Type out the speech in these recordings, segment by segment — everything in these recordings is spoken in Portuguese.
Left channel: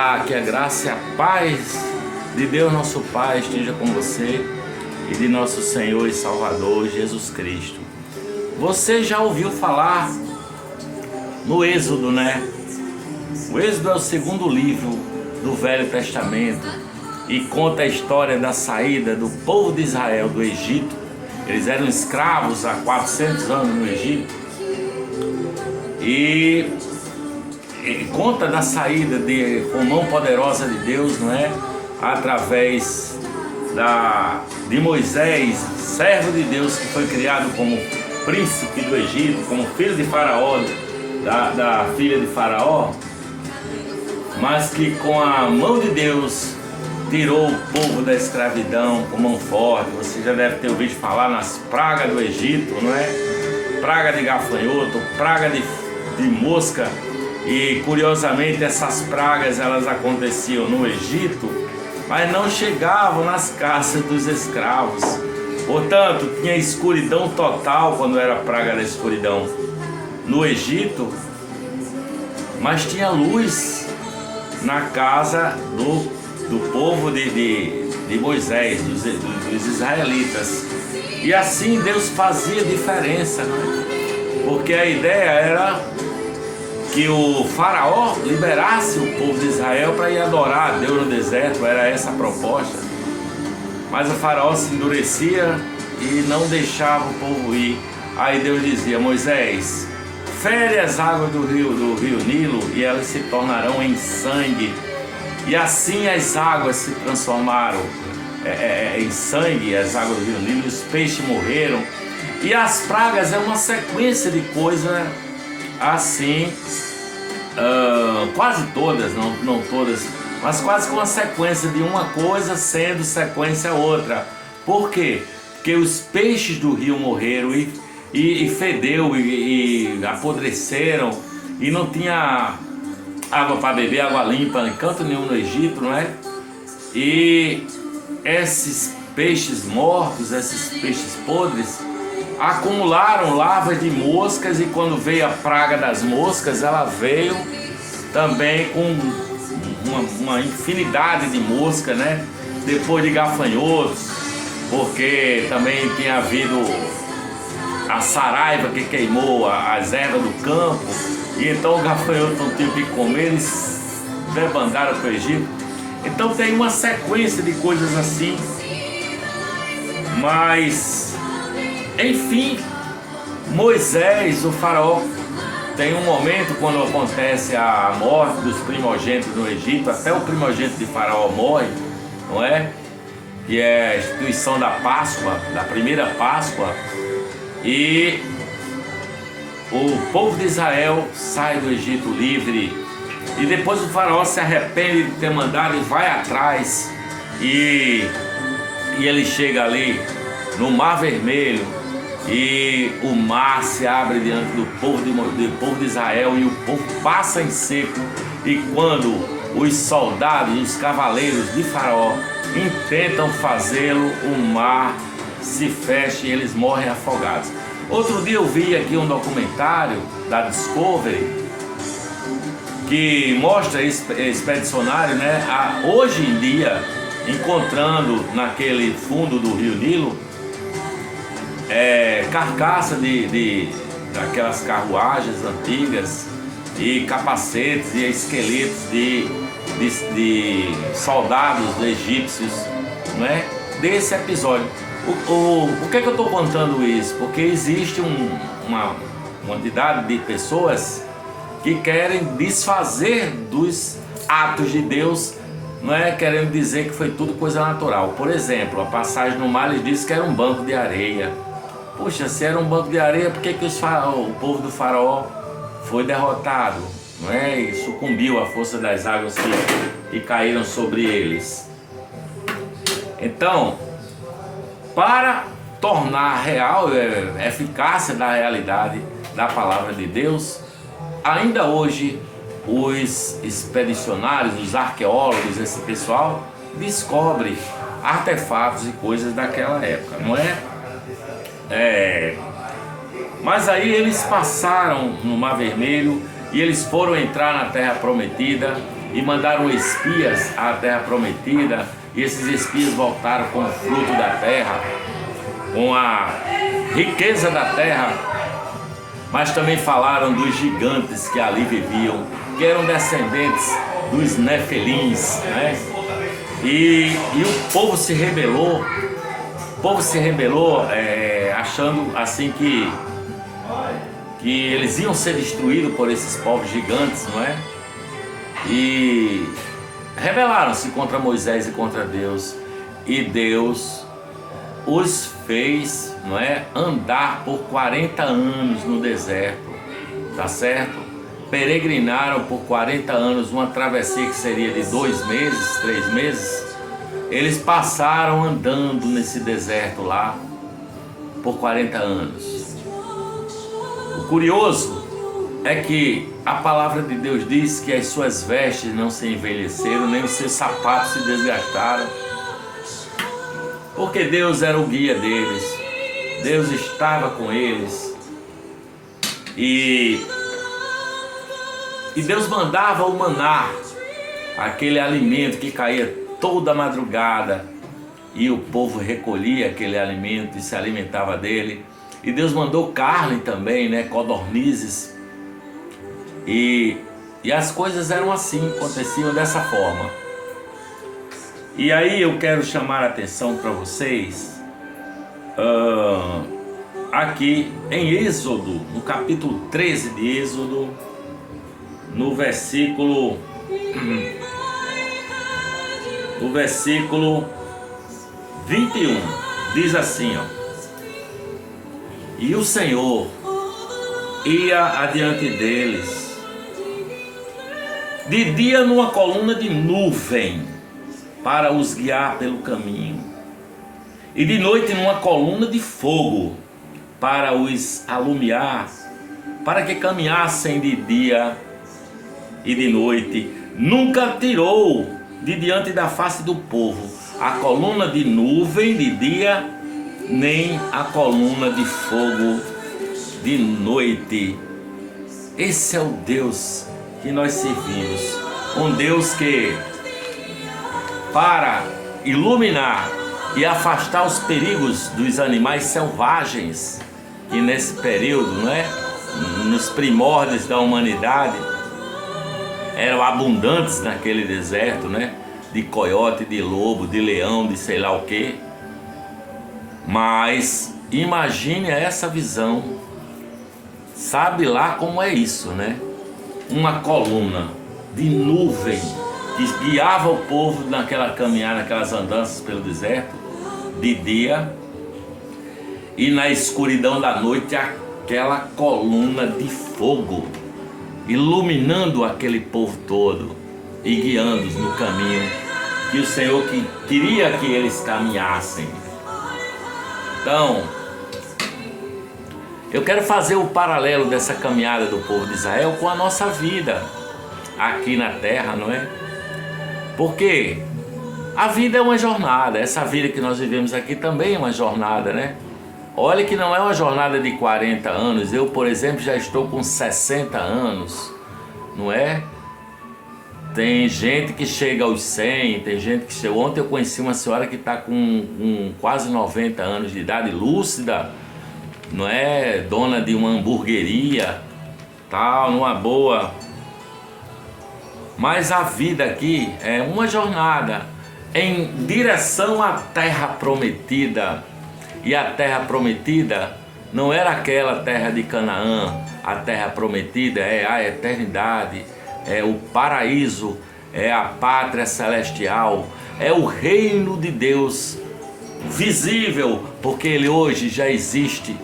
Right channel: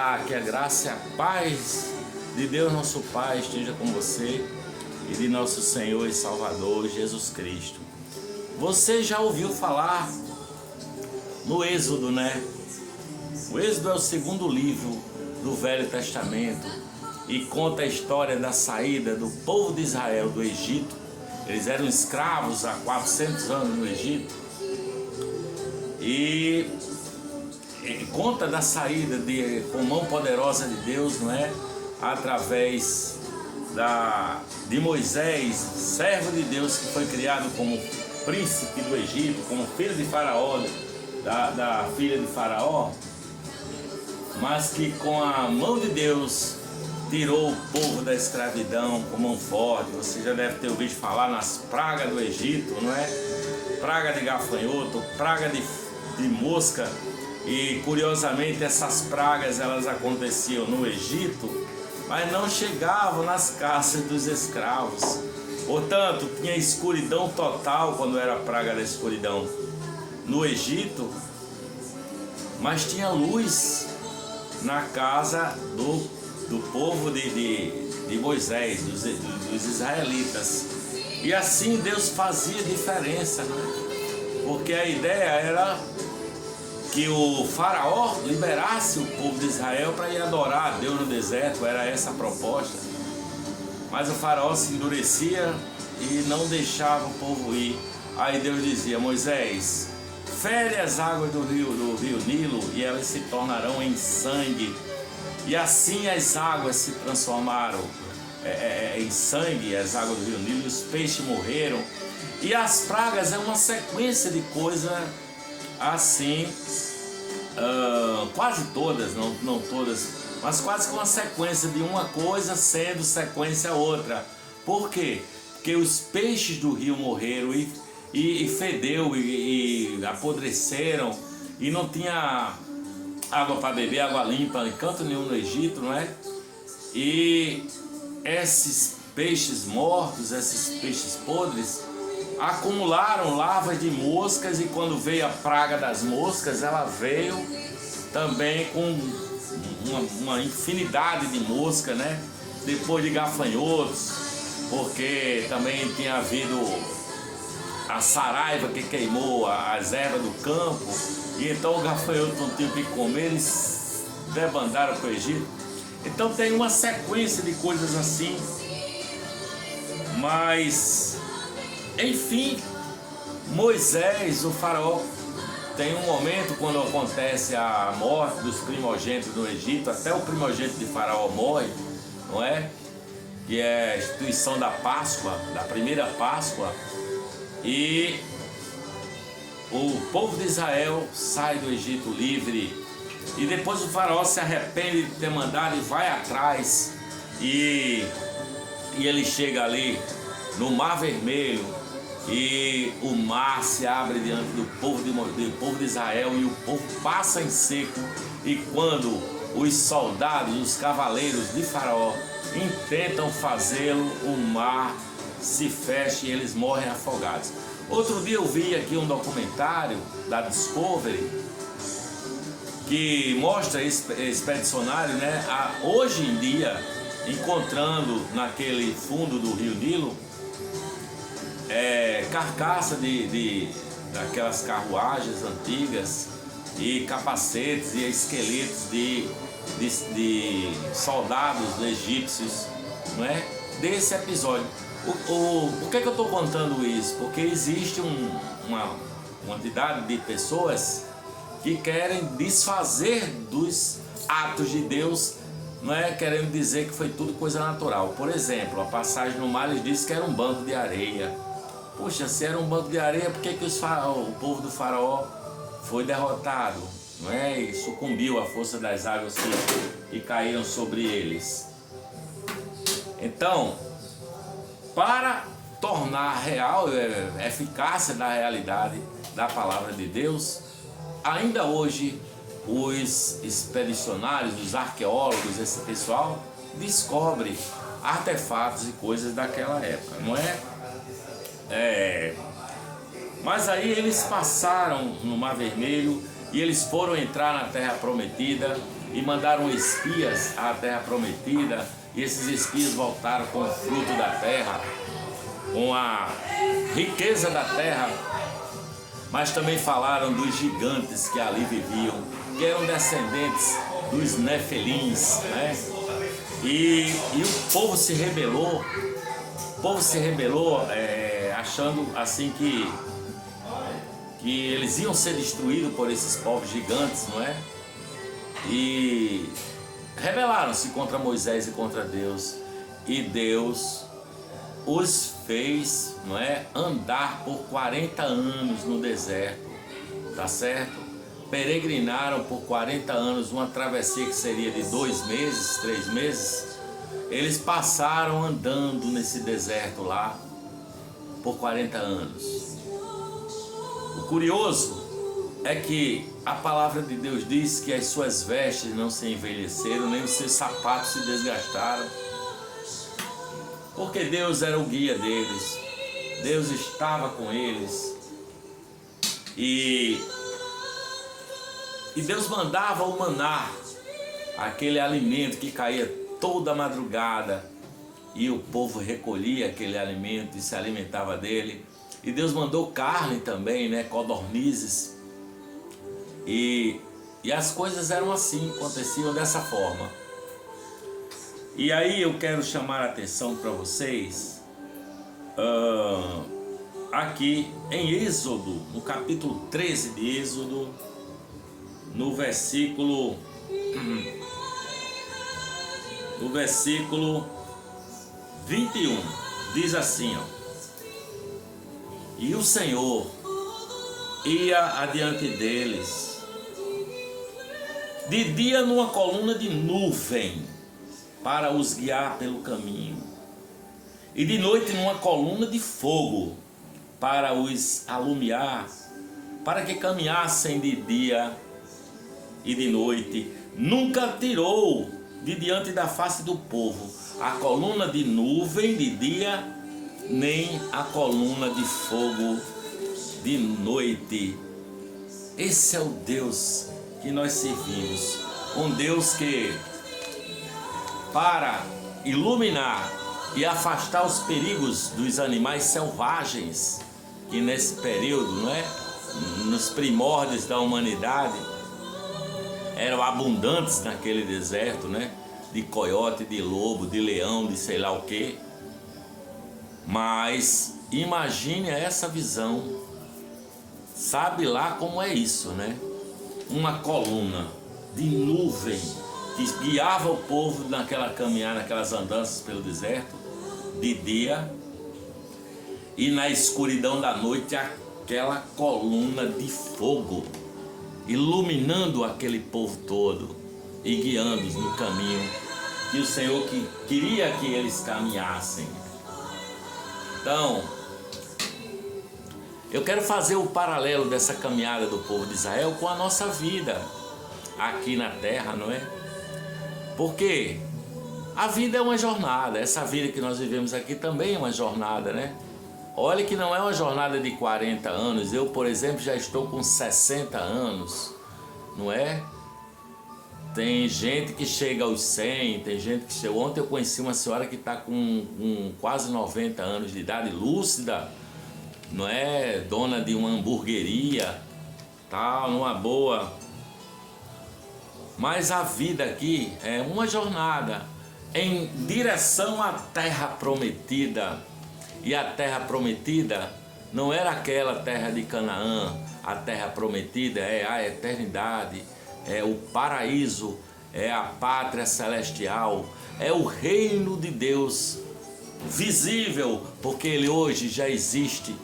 Olá, que a graça e a paz de Deus nosso Pai esteja com você e de nosso Senhor e Salvador Jesus Cristo. Você já ouviu falar no Êxodo, né? O Êxodo é o segundo livro do Velho Testamento e conta a história da saída do povo de Israel do Egito. Eles eram escravos há 400 anos no Egito e conta da saída com mão poderosa de Deus, não é? Através de Moisés, servo de Deus, que foi criado como príncipe do Egito, como filho de Faraó, da filha de Faraó, mas que com a mão de Deus tirou o povo da escravidão com mão forte. Você já deve ter ouvido falar nas pragas do Egito, não é? Praga de gafanhoto, praga de mosca. E curiosamente essas pragas elas aconteciam no Egito, mas não chegavam nas casas dos escravos. Portanto, tinha escuridão total quando era a praga da escuridão no Egito, mas tinha luz na casa do povo de Moisés, dos israelitas. E assim Deus fazia diferença, né? Porque a ideia era que o Faraó liberasse o povo de Israel para ir adorar a Deus no deserto, era essa a proposta. Mas o Faraó se endurecia e não deixava o povo ir. Aí Deus dizia: Moisés, fere as águas do rio Nilo e elas se tornarão em sangue. E assim as águas se transformaram em sangue, as águas do rio Nilo, e os peixes morreram. E as pragas é uma sequência de coisas assim, quase todas, não todas, mas quase com uma sequência de uma coisa sendo sequência outra. Por quê? Porque os peixes do rio morreram e fedeu e apodreceram e não tinha água para beber, água limpa em canto nenhum no Egito, não é? E esses peixes mortos, esses peixes podres, acumularam larvas de moscas, e quando veio a praga das moscas, ela veio também com uma infinidade de moscas, né? Depois de gafanhotos, porque também tinha havido a saraiva que queimou as ervas do campo, e então o gafanhoto não tinha o que comer, eles debandaram para o Egito. Então tem uma sequência de coisas assim, mas enfim, Moisés, o faraó, tem um momento quando acontece a morte dos primogênitos no Egito, até o primogênito de Faraó morre, não é? Que é a instituição da Páscoa, da primeira Páscoa, e o povo de Israel sai do Egito livre, e depois o faraó se arrepende de ter mandado e vai atrás, e ele chega ali no Mar Vermelho, e o mar se abre diante do povo de Israel, e o povo passa em seco. E quando os soldados, os cavaleiros de Faraó intentam fazê-lo, o mar se fecha e eles morrem afogados. Outro dia eu vi aqui um documentário da Discovery que mostra esse expedicionário, né? Hoje em dia, encontrando naquele fundo do rio Nilo carcaça daquelas carruagens antigas, e capacetes e esqueletos de soldados egípcios, não é? Desse episódio. Por que eu estou contando isso? Porque existe uma quantidade de pessoas que querem desfazer dos atos de Deus, não é? Querendo dizer que foi tudo coisa natural. Por exemplo, a passagem no mar diz que era um banco de areia. Puxa, se era um banco de areia, por que o povo do faraó foi derrotado, não é? E sucumbiu à força das águas que caíram sobre eles. Então, para tornar real a eficácia da realidade da palavra de Deus, ainda hoje os expedicionários, os arqueólogos, esse pessoal descobre artefatos e coisas daquela época, não é? Mas aí eles passaram no Mar Vermelho e eles foram entrar na Terra Prometida, e mandaram espias à terra prometida, e esses espias voltaram com o fruto da terra, com a riqueza da terra, mas também falaram dos gigantes que ali viviam, que eram descendentes dos Nefelins, né? E o povo se rebelou, achando assim que eles iam ser destruídos por esses povos gigantes, não é? E rebelaram-se contra Moisés e contra Deus, e Deus os fez, não é, andar por 40 anos no deserto, tá certo? Peregrinaram por 40 anos, uma travessia que seria de 2 meses, 3 meses. Eles passaram andando nesse deserto lá por 40 anos. O curioso é que a palavra de Deus diz que as suas vestes não se envelheceram, nem os seus sapatos se desgastaram, porque Deus era o guia deles, Deus estava com eles, e Deus mandava o maná, aquele alimento que caía toda madrugada, e o povo recolhia aquele alimento e se alimentava dele. E Deus mandou carne também, né, codornizes, e as coisas eram assim, aconteciam dessa forma. E aí eu quero chamar a atenção para vocês, aqui em Êxodo, no capítulo 13 de Êxodo, no versículo 21, diz assim, ó: e o Senhor ia adiante deles, de dia numa coluna de nuvem, para os guiar pelo caminho, e de noite numa coluna de fogo, para os alumiar, para que caminhassem de dia e de noite. Nunca tirou de diante da face do povo a coluna de nuvem de dia, nem a coluna de fogo de noite. Esse é o Deus que nós servimos, um Deus que, para iluminar e afastar os perigos dos animais selvagens, que nesse período, não é, nos primórdios da humanidade, eram abundantes naquele deserto, né, de coiote, de lobo, de leão, de sei lá o que. Mas imagine essa visão, sabe lá como é isso, né? Uma coluna de nuvem que guiava o povo naquela caminhada, naquelas andanças pelo deserto de dia, e na escuridão da noite aquela coluna de fogo iluminando aquele povo todo e guiando-os no caminho que o Senhor queria que eles caminhassem. Então, eu quero fazer o paralelo dessa caminhada do povo de Israel com a nossa vida aqui na terra, não é? Porque a vida é uma jornada, essa vida que nós vivemos aqui também é uma jornada, né? Olha que não é uma jornada de 40 anos, eu, por exemplo, já estou com 60 anos, não é? Tem gente que chega aos 100, tem gente que chega... Ontem eu conheci uma senhora que está com quase 90 anos de idade, lúcida, não é? Dona de uma hamburgueria, tal, numa boa. Mas a vida aqui é uma jornada em direção à terra prometida. E a terra prometida não era aquela terra de Canaã. A terra prometida é a eternidade, é o paraíso, é a pátria celestial, é o reino de Deus visível, porque ele hoje já existe,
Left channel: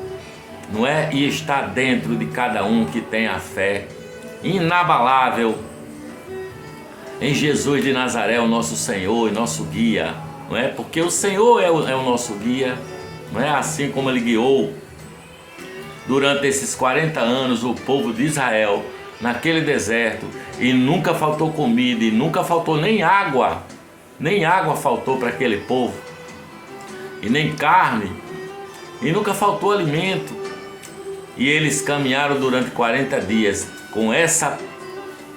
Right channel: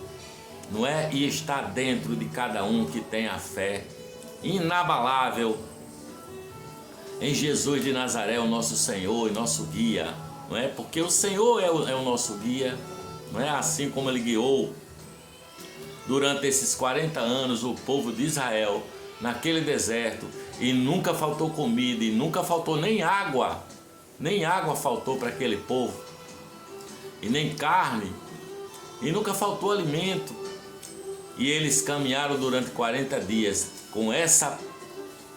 não é? E está dentro de cada um que tem a fé inabalável em Jesus de Nazaré, o nosso Senhor e nosso guia, não é? Porque o Senhor é o nosso guia, não é? Assim como ele guiou durante esses 40 anos o povo de Israel naquele deserto, e nunca faltou comida, e nunca faltou nem água faltou para aquele povo, e nem carne, e nunca faltou alimento. E eles caminharam durante 40 dias com essa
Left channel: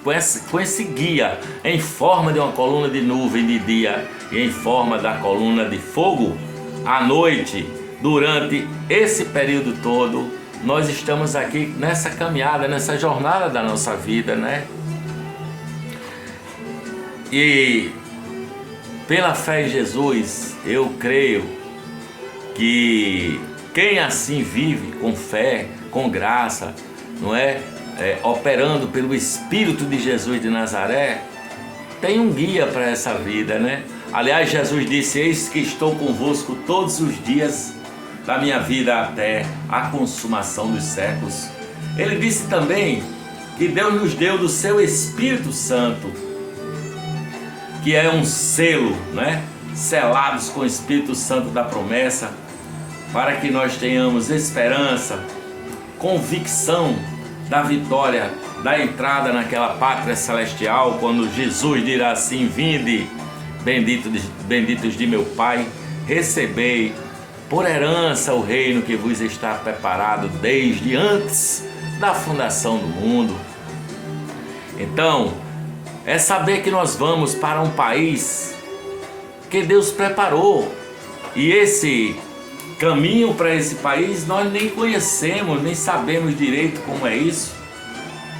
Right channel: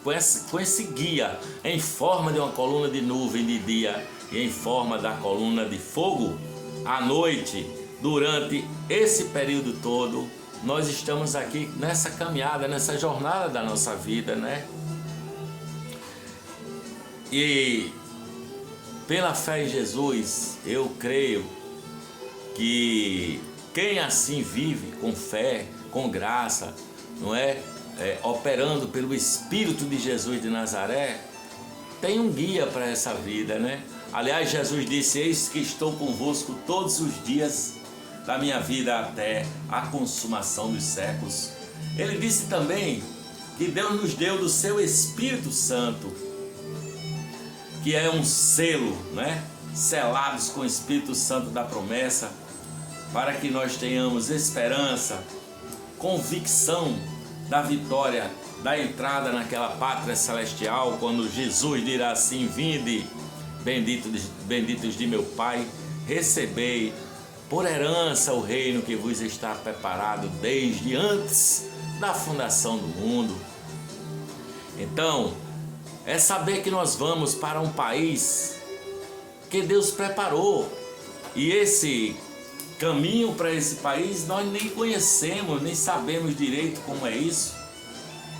com esse guia em forma de uma coluna de nuvem de dia e em forma da coluna de fogo à noite. Durante esse período todo, nós estamos aqui nessa caminhada, nessa jornada da nossa vida, né? E pela fé em Jesus, eu creio que quem assim vive com fé, com graça, não é? Operando pelo Espírito de Jesus de Nazaré, tem um guia para essa vida, né? Aliás, Jesus disse: eis que estou convosco todos os dias da minha vida até a consumação dos séculos. Ele disse também que Deus nos deu do seu Espírito Santo, que é um selo, né? Selados com o Espírito Santo da promessa, para que nós tenhamos esperança, convicção da vitória, da entrada naquela pátria celestial, quando Jesus dirá assim: vinde, benditos de meu Pai, recebei por herança o reino que vos está preparado desde antes da fundação do mundo. Então, é saber que nós vamos para um país que Deus preparou, e esse caminho para esse país nós nem conhecemos, nem sabemos direito como é isso,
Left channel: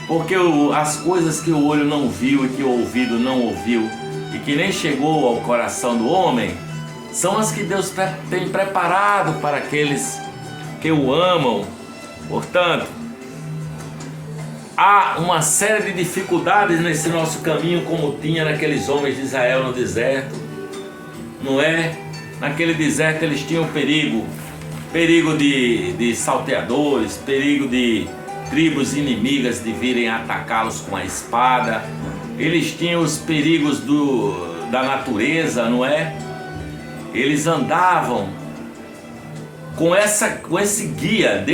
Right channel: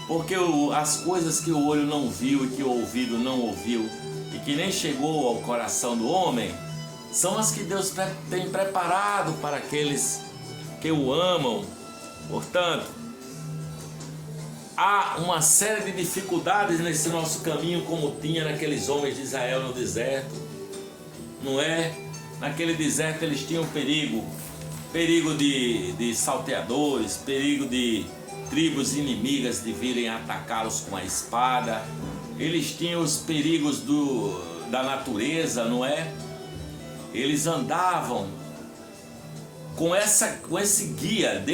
porque as coisas que o olho não viu e que o ouvido não ouviu e que nem chegou ao coração do homem, são as que Deus tem preparado para aqueles que o amam. Portanto, há uma série de dificuldades nesse nosso caminho, como tinha naqueles homens de Israel no deserto, não é? Naquele deserto eles tinham perigo de salteadores, perigo de tribos inimigas de virem atacá-los com a espada, eles tinham os perigos da natureza, não é? Eles andavam com esse guia.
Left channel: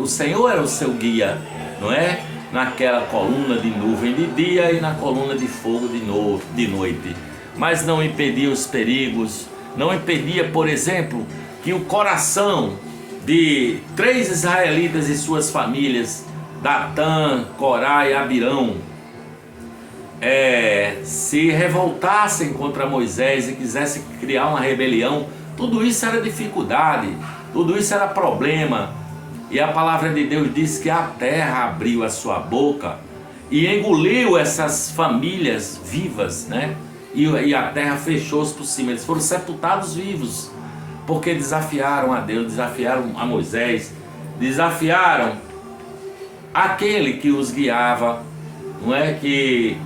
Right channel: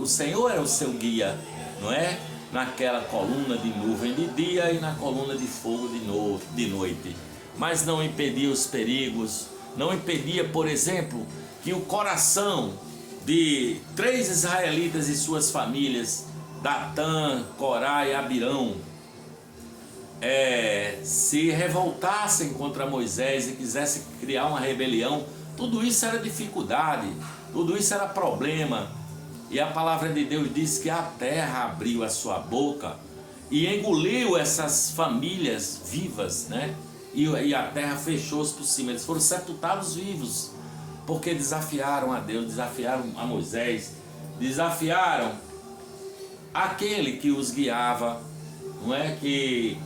O Senhor era o seu guia, não é? Naquela coluna de nuvem de dia e na coluna de fogo de noite. Mas não impedia os perigos, não impedia, por exemplo, que o coração de 3 israelitas e suas famílias, Datã, Corá e Abirão, se revoltassem contra Moisés e quisessem criar uma rebelião. Tudo isso era dificuldade, tudo isso era problema. E a palavra de Deus diz que a terra abriu a sua boca e engoliu essas famílias vivas, né? E a terra fechou-se por cima. Eles foram sepultados vivos, porque desafiaram a Deus, desafiaram a Moisés, desafiaram aquele que os guiava, não é? Que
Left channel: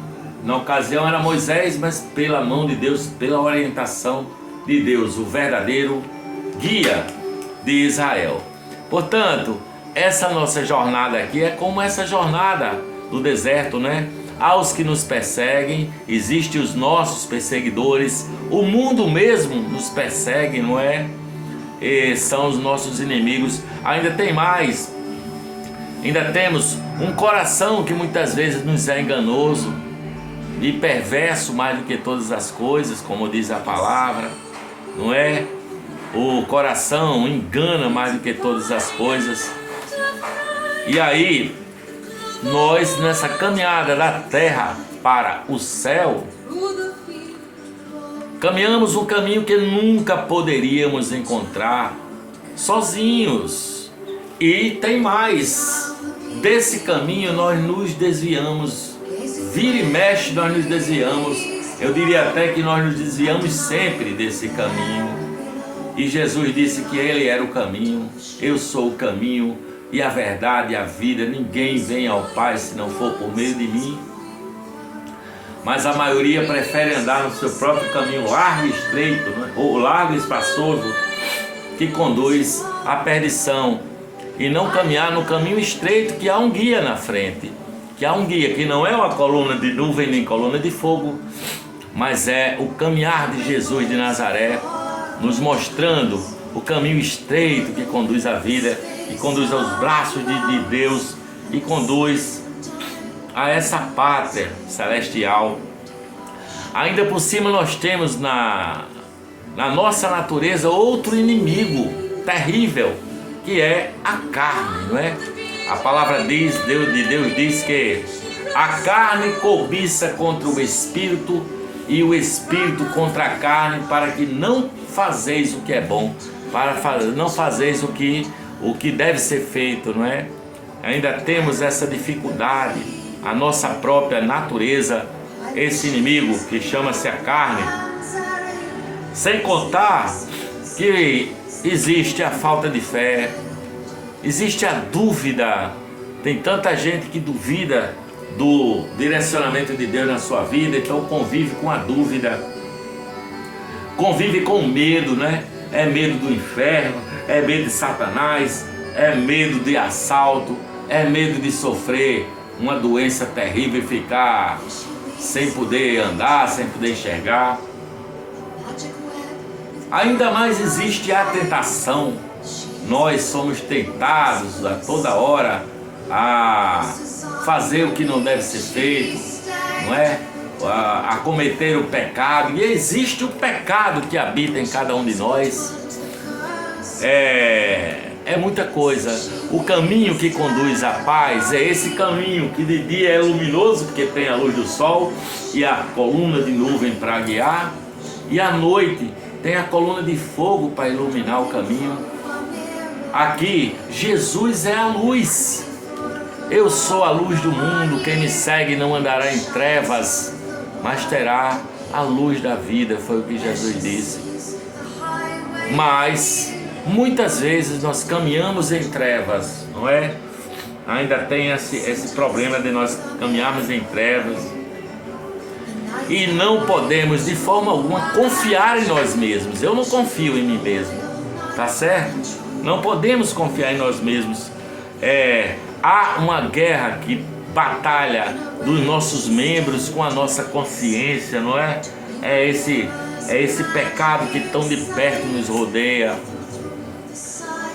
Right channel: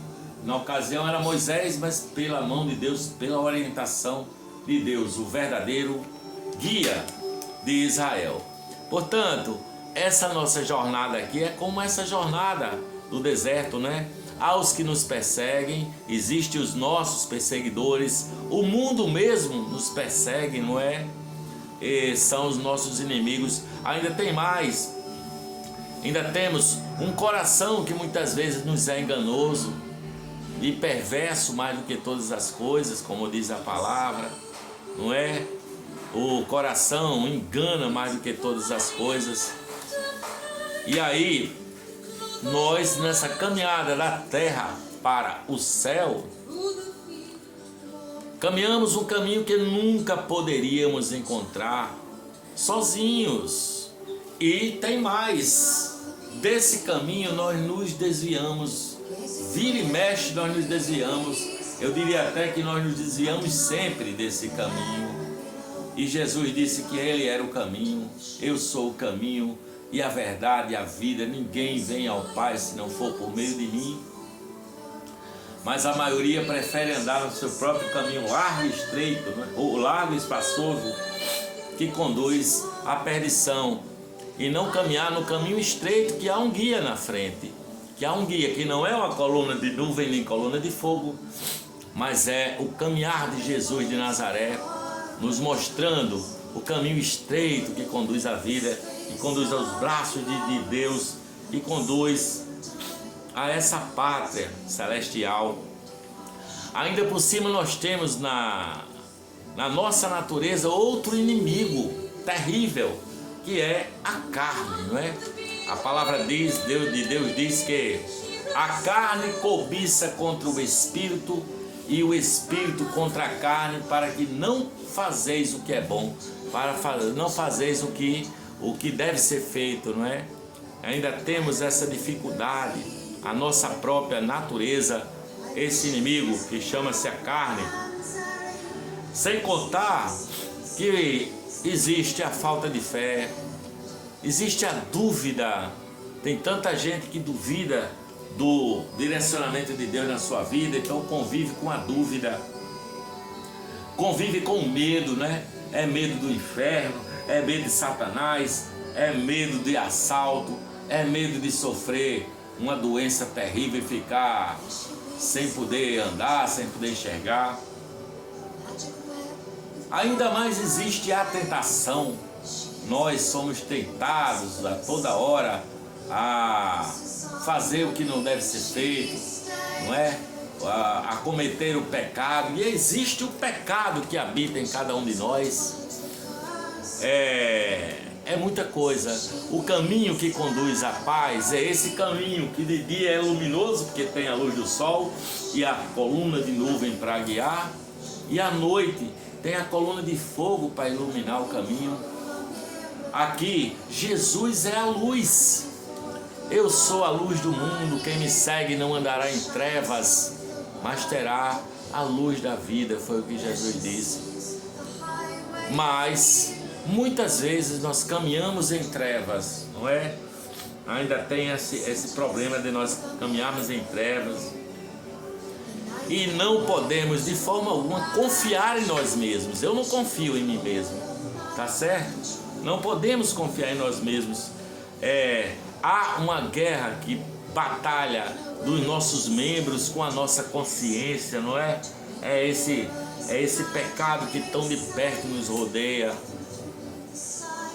na ocasião era Moisés, mas pela mão de Deus, pela orientação de Deus, o verdadeiro guia de Israel. Portanto, essa nossa jornada aqui é como essa jornada do deserto, né? Aos que nos perseguem, existem os nossos perseguidores, o mundo mesmo nos persegue, não é? E são os nossos inimigos. Ainda tem mais, ainda temos um coração que muitas vezes nos é enganoso e perverso mais do que todas as coisas, como diz a palavra, não é? O coração engana mais do que todas as coisas. E aí, nós nessa caminhada da terra para o céu, caminhamos um caminho que nunca poderíamos encontrar sozinhos. E tem mais, desse caminho nós nos desviamos, vira e mexe nós nos desviamos. Eu diria até que nós nos desviamos sempre desse caminho. E Jesus disse que Ele era o caminho, eu sou o caminho e a verdade e a vida. Ninguém vem ao Pai se não for por meio de mim. Mas a maioria prefere andar no seu próprio caminho largo e estreito, né? Ou largo e espaçoso, que conduz à perdição, e não caminhar no caminho estreito, que há um guia na frente, que há um guia que não é uma coluna de nuvem nem coluna de fogo, mas é o caminhar de Jesus de Nazaré, nos mostrando o caminho estreito que conduz à vida, que conduz aos braços de Deus e conduz a essa pátria celestial. Ainda por cima nós temos na nossa natureza outro inimigo terrível, que é a carne, não é? A palavra de Deus diz que A carne cobiça contra o espírito e o espírito contra a carne, para que não fazeis o que é bom, não fazeis o que deve ser feito, não é? Ainda temos essa dificuldade, a nossa própria natureza, esse inimigo que chama-se a carne. Sem contar que existe a falta de fé, existe a dúvida. Tem tanta gente que duvida do direcionamento de Deus na sua vida, então convive com a dúvida, convive com o medo, né? É medo do inferno, é medo de Satanás, é medo de assalto, é medo de sofrer uma doença terrível e ficar sem poder andar, sem poder enxergar. Ainda mais existe a tentação. Nós somos tentados a toda hora a fazer o que não deve ser feito, não é? A cometer o pecado. E existe o pecado que habita em cada um de nós. É muita coisa. O caminho que conduz à paz é esse caminho que de dia é luminoso, porque tem a luz do sol e a coluna de nuvem para guiar, e à noite tem a coluna de fogo para iluminar o caminho. Aqui, Jesus é a luz. Eu sou a luz do mundo, quem me segue não andará em trevas, mas terá a luz da vida, foi o que Jesus disse. Mas muitas vezes nós caminhamos em trevas, não é? Ainda tem esse problema de nós caminharmos em trevas e não podemos de forma alguma confiar em nós mesmos. Eu não confio em mim mesmo, tá certo? Não podemos confiar em nós mesmos. Há uma guerra que batalha dos nossos membros com a nossa consciência, não é? É esse pecado que tão de perto nos rodeia.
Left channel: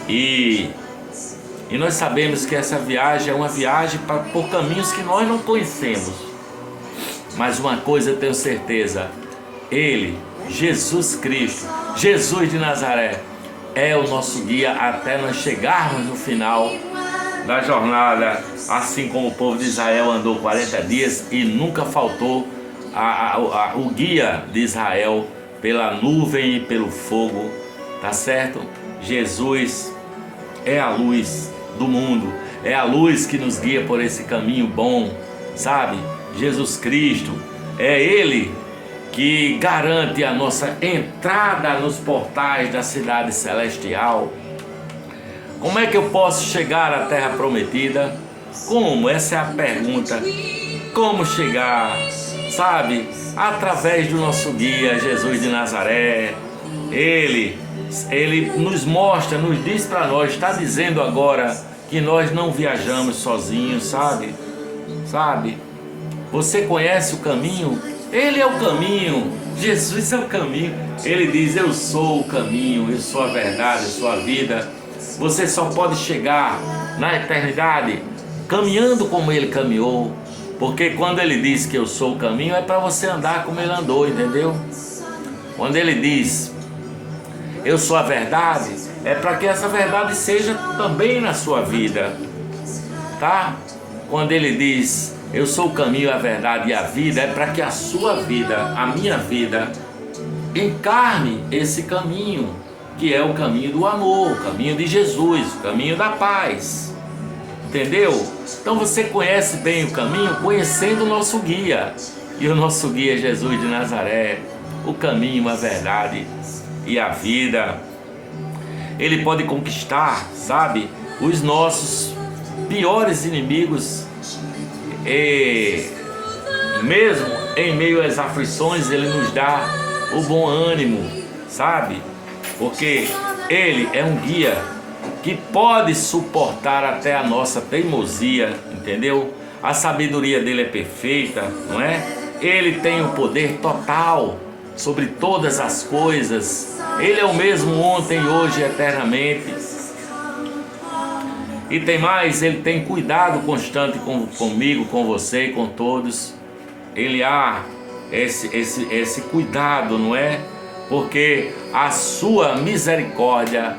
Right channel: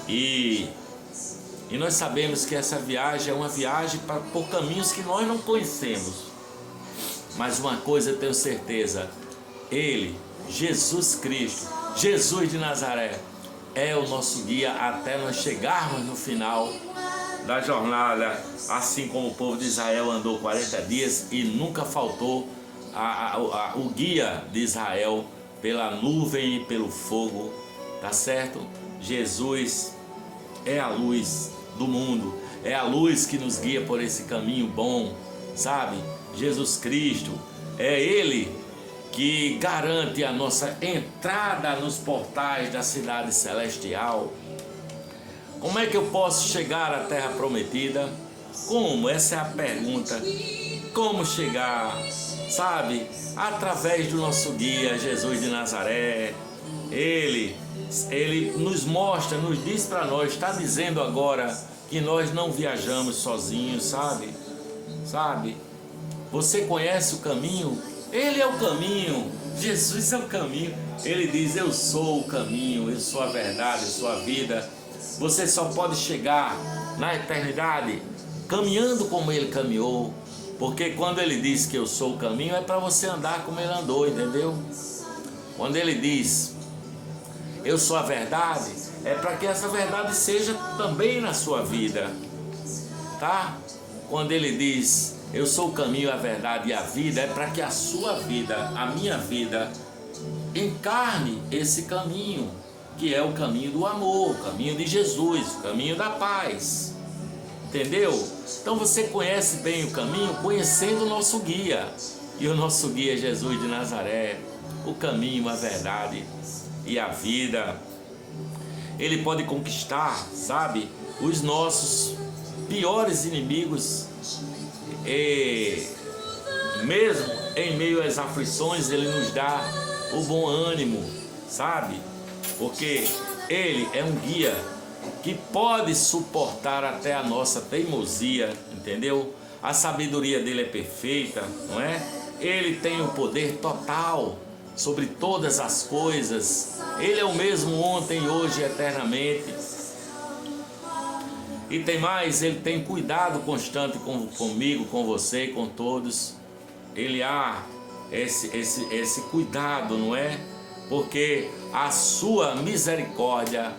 E nós sabemos que essa viagem é uma viagem por caminhos que nós não conhecemos. Mas uma coisa eu tenho certeza: Ele, Jesus Cristo, Jesus de Nazaré, é o nosso guia até nós chegarmos no final da jornada, assim como o povo de Israel andou 40 dias e nunca faltou o guia de Israel pela nuvem e pelo fogo, tá certo? Jesus é a luz do mundo, é a luz que nos guia por esse caminho bom, sabe? Jesus Cristo, é Ele que garante a nossa entrada nos portais da cidade celestial. Como é que eu posso chegar à terra prometida? Como? Essa é a pergunta. Como chegar? Sabe? Através do nosso guia, Jesus de Nazaré. Ele nos mostra, nos diz para nós, está dizendo agora que nós não viajamos sozinhos, sabe? Você conhece o caminho? Ele é o caminho, Jesus é o caminho. Ele diz: eu sou o caminho, eu sou a verdade, eu sou a vida. Você só pode chegar na eternidade caminhando como Ele caminhou, porque quando Ele diz que eu sou o caminho, é para você andar como Ele andou, entendeu? Quando Ele diz eu sou a verdade, é para que essa verdade seja também na sua vida, tá? Quando Ele diz eu sou o caminho, a verdade e a vida, é para que a sua vida, a minha vida, encarne esse caminho, que é o caminho do amor, o caminho de Jesus, o caminho da paz. Entendeu? Então você conhece bem o caminho conhecendo o nosso guia. E o nosso guia é Jesus de Nazaré, o caminho, a verdade e a vida. Ele pode conquistar, sabe, os nossos piores inimigos. E mesmo em meio às aflições, Ele nos dá o bom ânimo, sabe? Porque Ele é um guia que pode suportar até a nossa teimosia, entendeu? A sabedoria dele é perfeita, não é? Ele tem o poder total sobre todas as coisas. Ele é o mesmo ontem, hoje e eternamente. E tem mais, Ele tem cuidado constante comigo, com você e com todos. Ele há esse cuidado, não é? Porque a sua misericórdia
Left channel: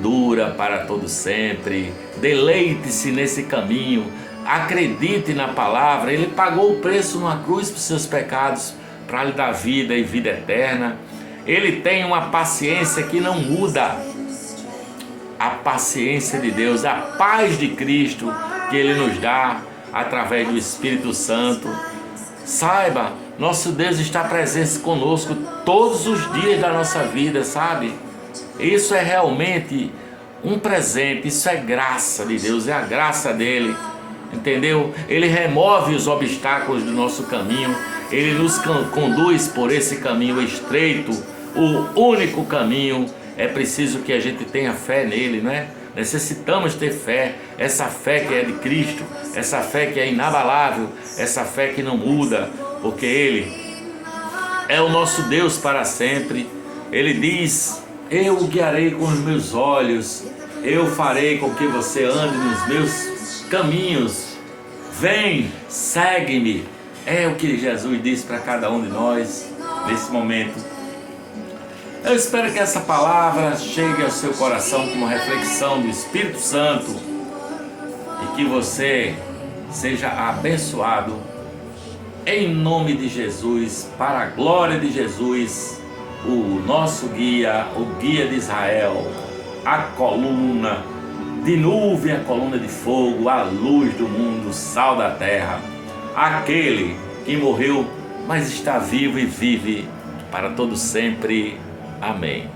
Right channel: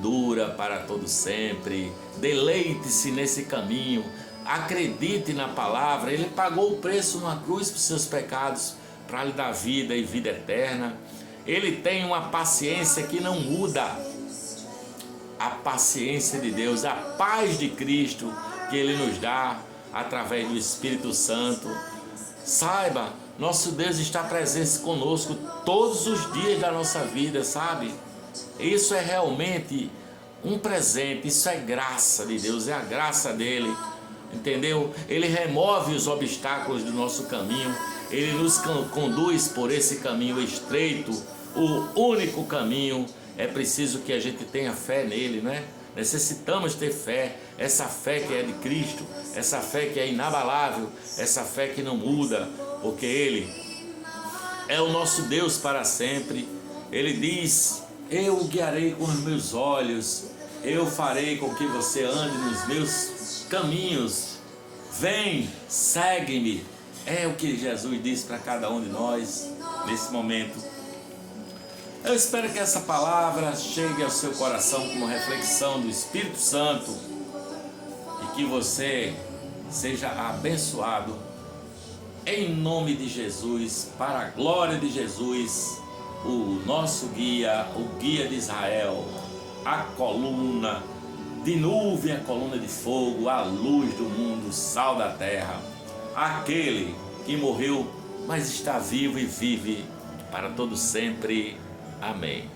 dura para todo sempre. Deleite-se nesse caminho. acredite na palavra. Ele pagou o preço numa cruz por seus pecados, para lhe dar vida e vida eterna. Ele tem uma paciência que não muda. A paciência de Deus, a paz de Cristo que Ele nos dá através do Espírito Santo. Saiba, nosso Deus está presente conosco todos os dias da nossa vida, sabe? Isso é realmente um presente, isso é graça de Deus, é a graça dele, entendeu? Ele remove os obstáculos do nosso caminho, ele nos conduz por esse caminho estreito, o único caminho. É preciso que a gente tenha fé nele, né? Necessitamos ter fé, essa fé que é de Cristo, essa fé que é inabalável, essa fé que não muda, porque Ele é o nosso Deus para sempre. Ele diz: eu o guiarei com os meus olhos, eu farei com que você ande nos meus caminhos. Vem, segue-me. É o que Jesus disse para cada um de nós nesse momento. Eu espero que essa palavra chegue ao seu coração como reflexão do Espírito Santo e que você seja abençoado em nome de Jesus, para a glória de Jesus, o nosso guia, o guia de Israel, a coluna de nuvem, a coluna de fogo, a luz do mundo, o sal da terra, aquele que morreu, mas está vivo e vive para todo sempre. Amém.